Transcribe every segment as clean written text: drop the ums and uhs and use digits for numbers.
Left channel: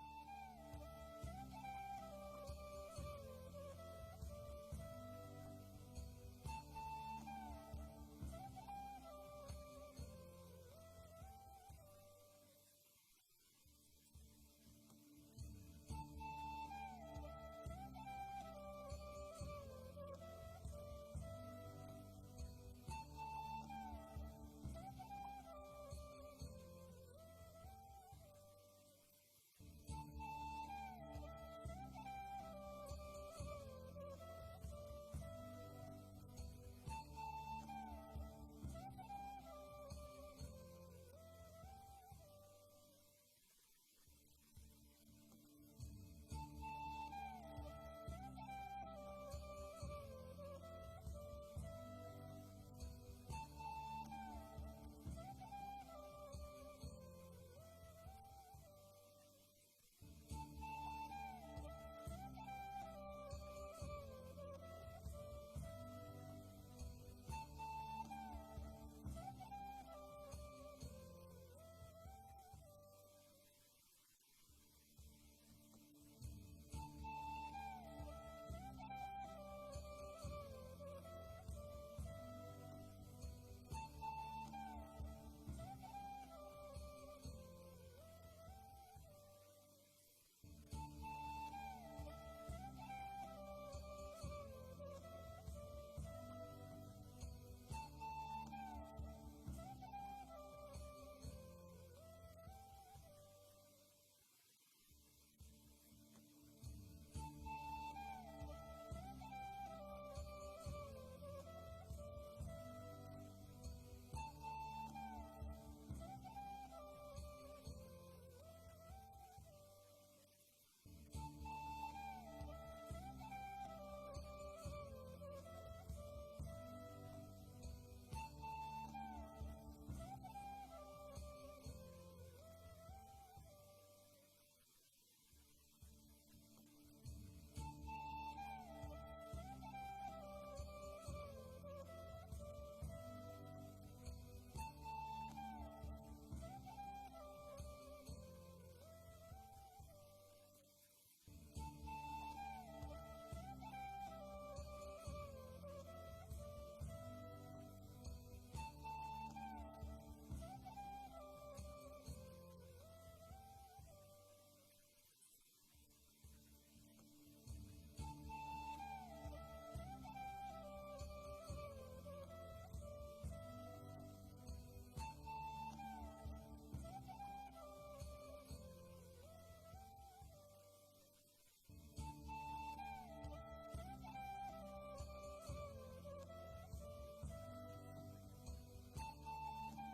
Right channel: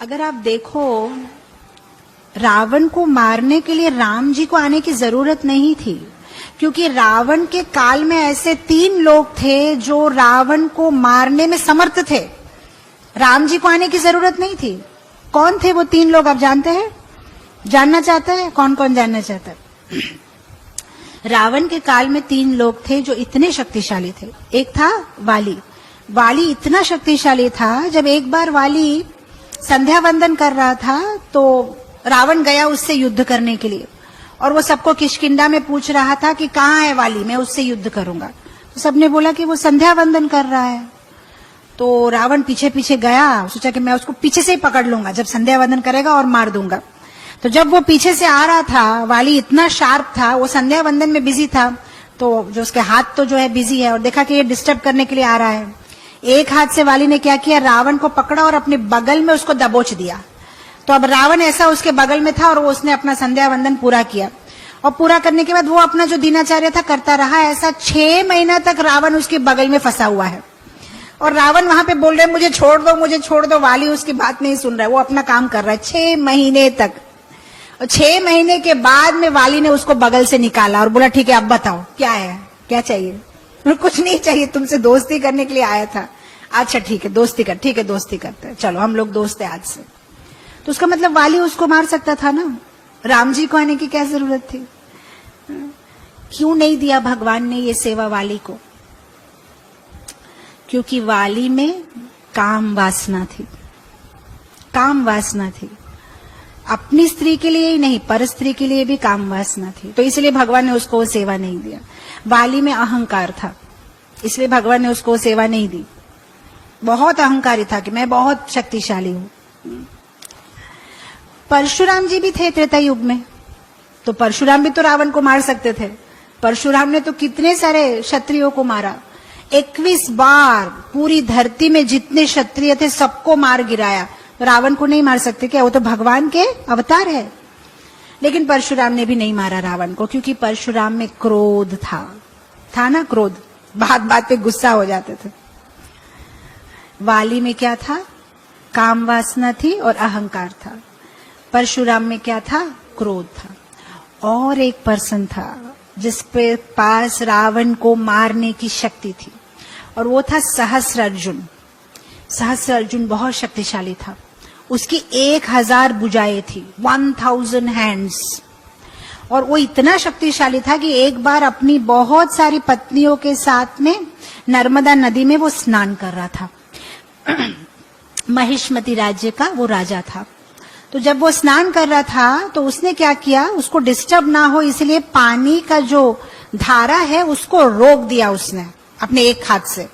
अगर आप देखो, रावण को मारने के लिए राम जी को आने की जरूरत नहीं थी, क्योंकि रावण के काल में ऐसे 3 लोग थे जो रावण को मारने में समर्थ थे। राम जी को आने की जरूरत नहीं थी। कौन थे वो 3 लोग, आप जानते हैं? जानना चाहते हैं? कौन कौन जानना चाहता है? रावण के काल में 3 लोग थे जो इतने शक्तिशाली थे। एक था वाली। वाली इतना शक्तिशाली था, जब एक बार वाली संध्या वंदन कर रहा था तो रावण गया उससे युद्ध करने के लिए, और वो सबको किष्किंधा में पूछ रहा था कि कहाँ है वाली, मैं उससे युद्ध करूंगा। तो सबने बोला कि वो संध्या वंदन कर रहा है। तो रावण पीछे पीछे गया, सोचा कि मैं उसको पीछे से ही पकड़ लूंगा जब संध्या वंदन करेगा और मार दूंगा। तो जब वो पीछे से आ रहा था, वाली इतना शार्प था, वो संध्या वंदन में बिजी था, तो जो उसके हाथ तो जो है बिजी है, और देखा कि ये डिस्टर्ब करने के लिए आ रहा है। एक हाथ से वाली ने क्या किया, रावण को पकड़ा और अपने बगल में उसको दबोच दिया। तो अब रावण ऐसा उसके बगल में था और वो उसने अपना संध्या वंदन पूरा किया, और पूरा करने के बाद वो अपना जो दिनाचार्य था करता रहा। ऐसा 6 महीना तक रावण उसके बगल में फंसा हुआ है, और रावण वहां पे बोल रहे हैं मुझे छोड़ दो, मुझे छोड़ दो। वाली उसकी बात नहीं सुन रहा है, वो अपना काम कर रहा है 6 महीने तक। और 6 महीने के बाद में वाली ने उसको बगल से निकाला और बोला ठीक है अब बताओ क्या है, क्या चाहिए? कुछ नहीं चाहिए, तुमसे दोस्ती करने के लिए आया था। अच्छा ठीक है दोस्ती कर, ठीक है दोस्ती करते हैं, चलो हम लोग दोस्त है आज से। तो उसका मतलब वाली उसको मार सकता था ना, राम जी को आने की क्या जरूरत थी? क्यों नहीं दिया भगवान ने ये सेवा वाली को? क्योंकि वाली में काम वासना थी, काम वासना थी। अपनी स्त्री के लिए ही नहीं, पर स्त्री के लिए भी काम वासना थी, तो इसलिए भगवान ने उसको सेवा नहीं दिया। वाली में अहंकार था, इसलिए भगवान ने उसको सेवा नहीं दी। बहुत अहंकारी था कि मैं बहुत शक्तिशाली हूं। परशुराम जी भी थे त्रेता युग में, तो परशुराम भी तो रावण को मार सकते थे। परशुराम ने तो कितने सारे क्षत्रियों को मारा, 21 बार पूरी धरती में जितने क्षत्रिय थे सबको मार गिराया। तो रावण को नहीं मार सकते क्या? वो तो भगवान के अवतार है। लेकिन परशुराम ने भी नहीं मारा रावण को, क्योंकि परशुराम में क्रोध था ना, क्रोध, बात बात पे गुस्सा हो जाते थे। वाली में क्या था? काम वासना थी और अहंकार था। परशुराम में क्या था? क्रोध था। और एक पर्सन था जिसपे पास रावण को मारने की शक्ति थी, और वो था सहस्रार्जुन। सहस्रार्जुन बहुत शक्तिशाली था, उसकी 1000 भुजाएं थी, 1000 हैंड्स। और वो इतना शक्तिशाली था कि एक बार अपनी बहुत सारी पत्नियों के साथ में नर्मदा नदी में वो स्नान कर रहा था। महिष्मति राज्य का वो राजा था। तो जब वो स्नान कर रहा था तो उसने क्या किया, उसको डिस्टर्ब ना हो इसलिए पानी का जो धारा है उसको रोक दिया उसने अपने एक हाथ से,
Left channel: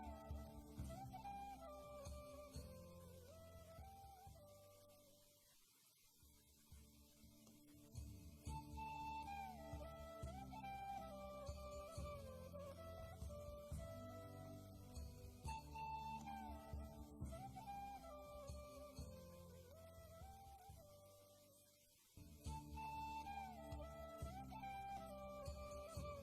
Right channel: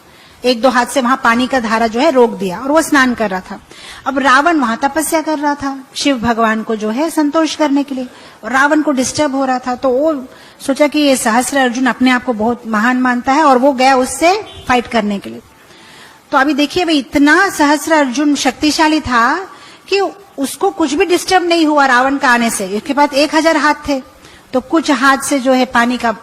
1-2 हाथ से वहां पानी का धारा जो है रोक दिया, और वो स्नान कर रहा था। अब रावण वहां तपस्या कर रहा था शिव भगवान को जो है संतोष करने के लिए, और रावण को डिस्टर्ब हो रहा था। तो वो सोचा कि ये सहस्रार्जुन अपने आप को बहुत महान मानता है, और वो गया उससे फाइट करने के लिए। तो अभी देखिए भाई, इतना सहस्रार्जुन शक्तिशाली था कि उसको कुछ भी डिस्टर्ब नहीं हुआ रावण का आने से। इसके पास 1000 हाथ थे, तो कुछ हाथ से जो है पानी का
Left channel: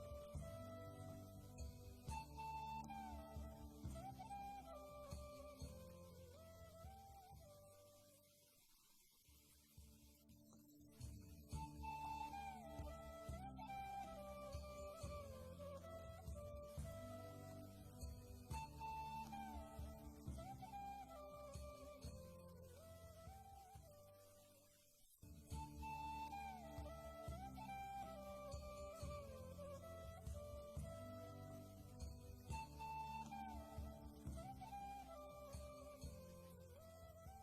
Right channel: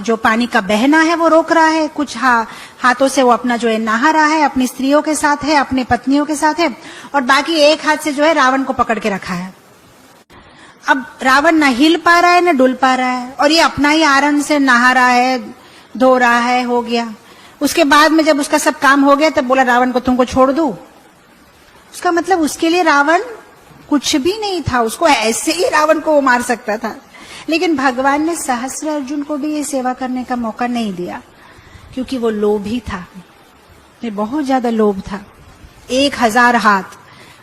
जो पानी का बहना है वो रोक रहा है, कुछ हाथों से वो अपना जो है नहा रहा है, अपनी स्त्रियों के साथ है, अपनी पत्नियों के साथ है, और बाकी एक हाथ से जो है रावण को पकड़ के रखा है। अब रावण न हिल पा रहा है न डुल पा रहा है, और ये अपना ही आनंद से नहा रहा है, धो रहा है, हो गया। उसके बाद में जब उसका सब काम हो गया तब बोला रावण को तुमको छोड़ दूं। उसका मतलब उसके लिए रावण कुछ भी नहीं था, उसको ऐसे ही रावण को वो मार सकता था। लेकिन भगवान ने सहस्रार्जुन को भी ये सेवा करने का मौका नहीं दिया, क्योंकि वो लोभी था, बहुत ज्यादा लोभ था। 1000 हाथ,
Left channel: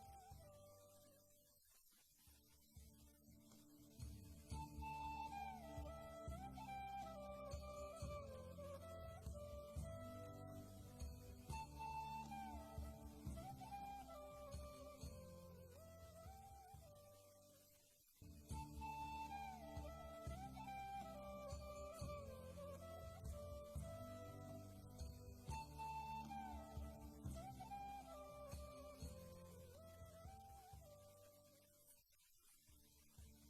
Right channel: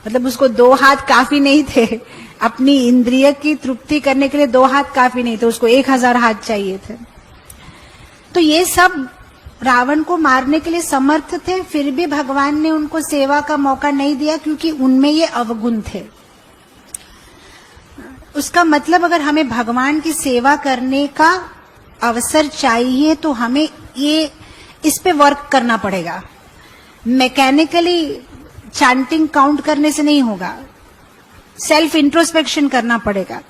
मतलब उसको 2 हाथ काफी नहीं थे, अपनी इंद्रिय की तृप्ति करने के लिए 2 हाथ काफी नहीं थे, उसको 1000 हाथ चाहिए थे। तो ये सब रावण को मारने के लिए समर्थ थे, फिर भी भगवान ने उनको सेवा का मौका नहीं दिया, क्योंकि उनमें ये अवगुण थे। उसका मतलब अगर हमें भगवान की सेवा करने का अवसर चाहिए तो हमें ये इस पे वर्क करना पड़ेगा। मैकेनिकली चैंटिंग काउंट करने से नहीं होगा, सेल्फ इंट्रोस्पेक्शन करना पड़ेगा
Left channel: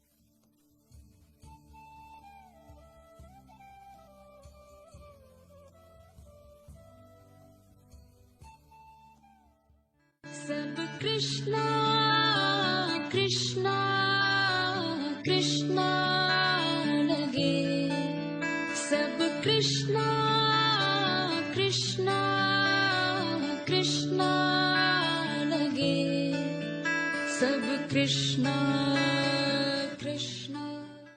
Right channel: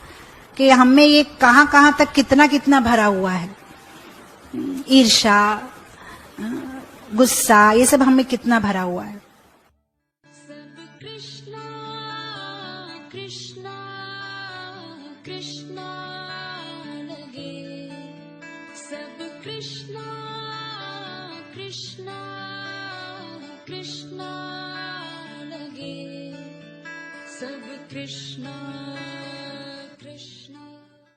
कि हमें ये कहां कहां तक कितना कितना भरा हुआ है, ईर्ष्या, गुस्सा, ये सब हमें कितना भरा हुआ है। सब कृष्णा कृष्णा कृष्णा लगे, सब कृष्णा कृष्णा कृष्णा लगे, सब कृष्णा